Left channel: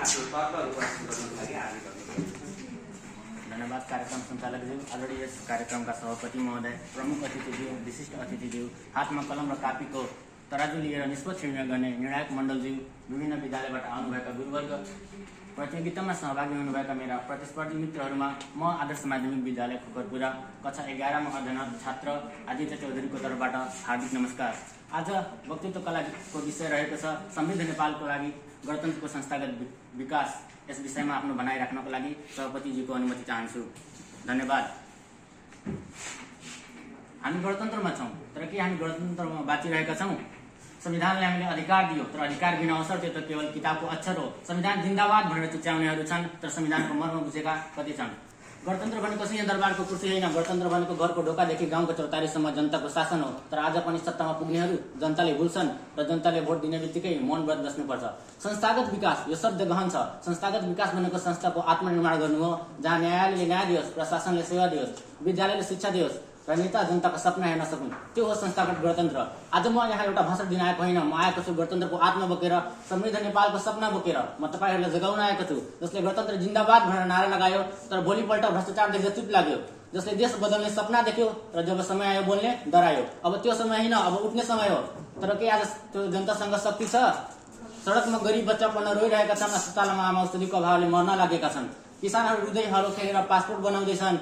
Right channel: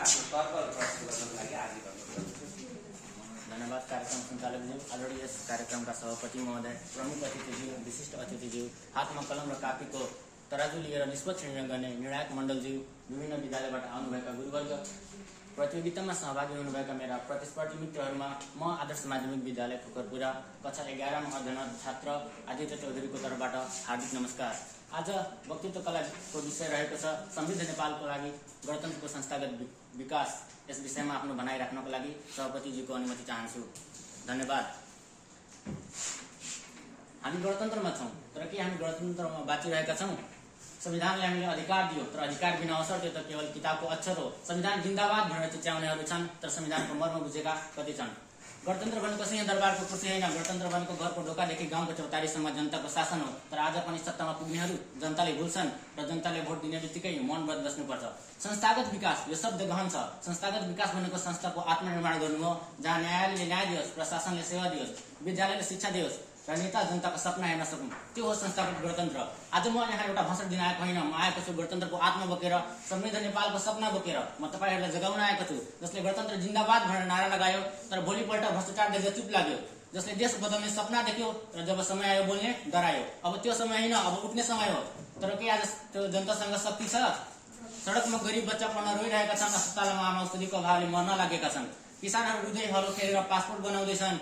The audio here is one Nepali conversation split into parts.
आफ्नो तर्कहरू प्रस्तुत गर्नको लागि हार्दिक अनुरोध। धन्यवाद कार्यक्रम सञ्चालकज्यू, आदरणीय यस कार्यक्रमका सभापति महोदय, प्रमुख अतिथिज्यू, विशिष्ट अतिथिज्यू, हातमा कलम र कापीको तराजु लिएर निष्पक्ष निर्णय गर्ने निर्णायक मण्डलज्यू, विभिन्न विद्यालयबाट आउनुभएका गुरुवर्ग, प्रतियोगितामा सहभागी हुनुभएका मेरा प्रतिस्पर्धी मित्रहरूमा म आदर्श माध्यमिक विद्यालय खुकरपुरा कक्षा 11 मा अध्ययनरत छात्र आदित्य चौधरीको तर्फबाट हार्दिक नमस्कार। आज वक्तृत्व कलाको विषय रहेको छ समृद्ध नेपालको लागि गणतन्त्रको संस्थागत विकास। यस विषयमा आफ्नो भनाइ राख्नको लागि सभापतिजीको अनुमति चाहन्छु। धन्यवाद। हामी गणतन्त्रमा छौँ, तर के हामी गणतन्त्रमा बाँचिरहेका छौँ? संविधानले हामीले अधिकार दियो, तर अधिकार बिना अवसर त्यो त केवल किताबको अक्षर हो। संविधान जिन्दाबाद भनेर चिच्याउनेहरू छन्, तर संविधानको मर्म बुझेका कति छन्? गणतन्त्र भनेको सिंहदरबारको कुर्सी होइन, गणतन्त्र भनेको घरको ढोकादेखि गाउँको चौतारीसम्म जनताको शासन हो। तर आज पनि सत्तामा पुग्नेहरू जनताले भुल्छन् र जनताले भोट दिने बित्तिकै मौन व्रत बस्नुपर्छ। संस्थागत विकास यो शब्द गहन छ। संस्थागत विकास भनेको संस्थाको आत्मनिर्माण गर्नु हो, जहाँ न्यायालयले न्याय दियोस्, प्रशासनले सेवा दियोस्, विद्यालयले शिक्षा दियोस् र नेता जनताका सपना हेर्न सकुन्। त्यो हो संस्थागत गणतन्त्र। आज म यहाँ एउटा भाषण दिन आएको होइन, म आएको छु गणतन्त्रको आत्मा बोकेर, समृद्ध नेपालको सपना बोकेर। म तपाईहरूलाई जगाउन आएको छु, जसले गणतन्त्र जिन्दाबाद भनेर नारा लगायो तर भोलिपल्ट भ्रष्टाचार देख्दा चुप लाग्यो, जसले देश बदल्ने सपना देख्यो र जब समय आयो बोल्ने डरायो। अब त्यो समय होइन, अब उठ्ने समय हो। तर के आज त्यो जनतासँग शक्ति छ? सडकमा गरिब बच्चा पढ्न रोइरहेका छन्, अस्पतालमा आमा औषधिको अभावले मर्न लागेका छन्, किसानहरू रुँदै हलो खेलेर पासपोर्ट बनाउँदैछन्।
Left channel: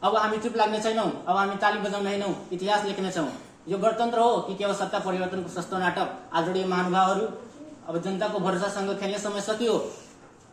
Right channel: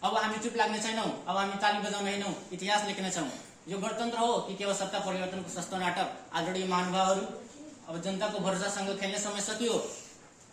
अब हामी चुप लाग्ने छैनौं, अब हामी ताली बजाउनेनौं, इतिहास लेख्नेछौं। यो गणतन्त्र हो कि केवल सत्ता परिवर्तनको सस्तो नाटक? आदरणीय महानुभावहरू, अब जनताको भरोसासँग खेल्ने समय सकियो।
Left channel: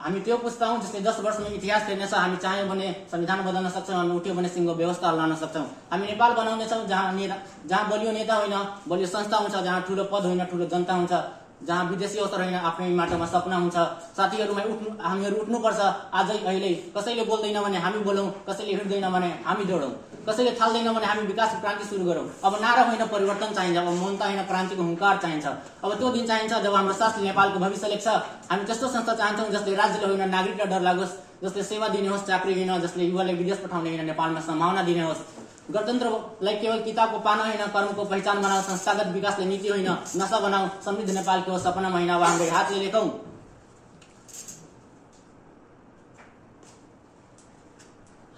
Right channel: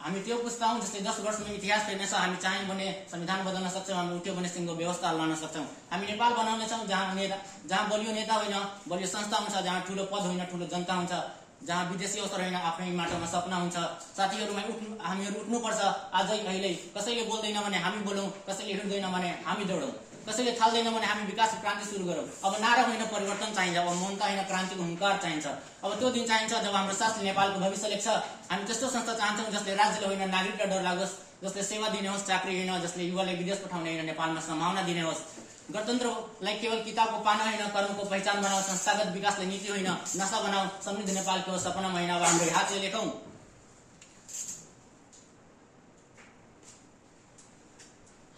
हामी त्यो पुस्ता हौं जसले 10 वर्षमा इतिहास फेर्नेछ। हामी चाह्यौं भने संविधान बदल्न सक्छौं, हामी उठ्यो भने सिंहको व्यवस्था हल्लाउन सक्छौं। हामी नेपाल बनाउनेछौं जहाँ बलियो नेता होइन, बलियो संस्था हुन्छ, जहाँ ठूलो पद होइन, ठूलो जनता हुन्छ, जहाँ विदेशी अवसर होइन, आफ्नै माटोमा सपना हुन्छ। साथीहरूमा हामीहरू उठ्नुपर्छ। आजै अहिले कसैले बोल्दैन भने हामी बोलौं, कसैले हिँड्दैन भने हामी दौडौं, कसैले थाल्दैन भने हामी विकासको क्रान्ति सुरु गरौं। अब नारा होइन, परिवर्तन चाहिन्छ। अब ममता होइन, क्रान्तिको हुंकार चाहिन्छ। अब त्यो दिन चाहिन्छ जब हाम्रो शास्त्रले नेपालको भविष्य लेख्छ। हामी त्यस्तो संस्था चाहन्छौं जसले राज्यले होइन, नागरिकलाई डर लागोस्, जसले सेवा दिने होस्, चाकरी होइन, जसले युवालाई विदेश पठाउने होइन, नेपालमा सम्भावना दिने होस्। गणतन्त्रलाई केवल किताबको पाना होइन, कर्मको पहिचान बनाऊ। संस्थागत विकासलाई नीति होइन, नशा बनाऊ। समृद्ध नेपालको सपना होइन, अब हाम्रो हातले लेखौं।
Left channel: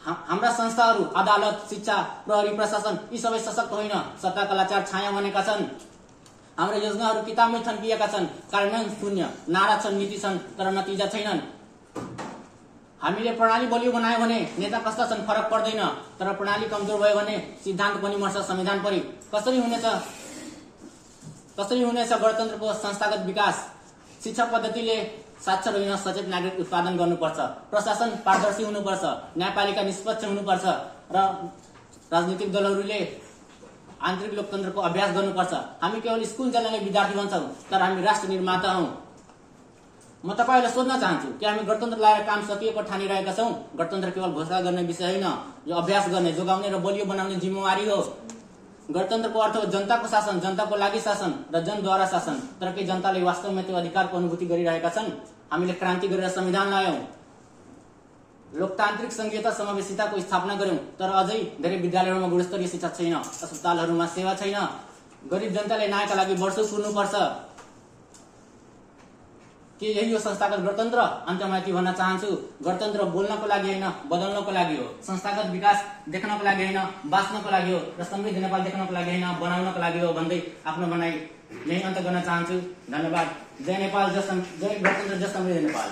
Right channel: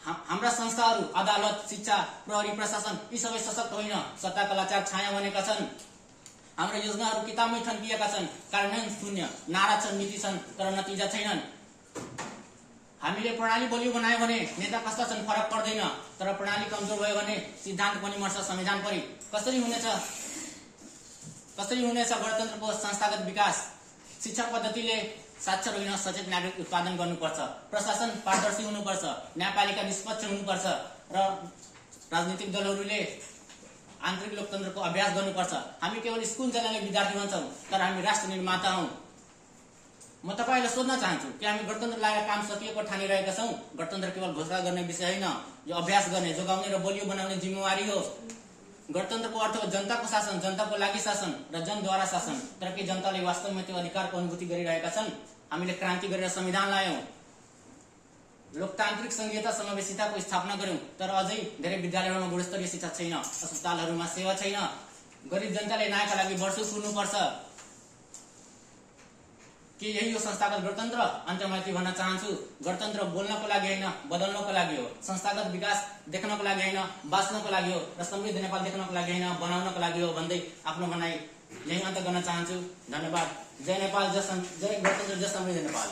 हाम्रा संस्थाहरू, अदालत, शिक्षा, प्रहरी, प्रशासन यी सबै सशक्त होइन, सत्ताका लाचार छाया बनेका छन्। हाम्रा योजनाहरू किताबमै थन्किएका छन्, कार्यान्वयन शून्य। नारा छन्, नीति छन्, तर नतिजा छैनन्। हामीले प्रणाली बलियो बनायो भने नेता कस्ता छन् फरक पर्दैन, तर प्रणाली कमजोर भयो भने सिद्धान्त पनि मर्छ, संविधान पनि। कसरी हुनेछ गणतन्त्रको संस्थागत विकास? शिक्षा पद्धतिले साक्षर होइन, सचेत नागरिक उत्पादन गर्नुपर्छ। प्रशासन पारदर्शी हुनुपर्छ, न्यायपालिका निष्पक्ष हुनुपर्छ र राजनीतिक दलहरूले आन्तरिक लोकतन्त्रको अभ्यास गर्नुपर्छ। हामी केवल स्कुल जाने विद्यार्थी भन्छौं, तर हामी राष्ट्र निर्माता हौं। म तपाईलाई सोध्न चाहन्छु कि हामी गणतन्त्र ल्याएर काम सकिएको ठानिरहेका छौं? गणतन्त्र केवल घोषणा गर्ने विषय होइन, यो अभ्यास गर्ने, जोगाउने र बलियो बनाउने जिम्मेवारी हो। गणतन्त्रको अर्थ हो जनताको शासन, जनताको लागि शासन र जनद्वारा शासन। तर के जनताले वास्तवमा त्यो अधिकारको अनुभूति गरिरहेका छन्? हामीले क्रान्ति गरेर संविधान ल्यायौं, लोकतान्त्रिक संघीयता समावेशिताको स्थापना गर्यौं, तर अझै धेरै विद्यालयहरूमा गुणस्तरीय शिक्षा छैन, अस्पतालहरूमा सेवा छैन। गरिब जनताले न्यायका लागि वर्षौं कुर्नुपर्छ। के यही हो संस्थागत गणतन्त्र? अन्त्यमा के भन्न चाहन्छु, गणतन्त्र बोल्नको लागि होइन, बदल्नको लागि हो। संस्थागत विकास देख्नको लागि होइन, बाँच्नको लागि हो। र समृद्ध नेपाल देख्नको लागि होइन, बनाउनको लागि हो भन्दै आफ्नो भनाइ यही अन्त गर्न चाहन्छु। धन्यवाद। जय नेपाल, जय गणतन्त्र, जय समृद्ध नेपाल।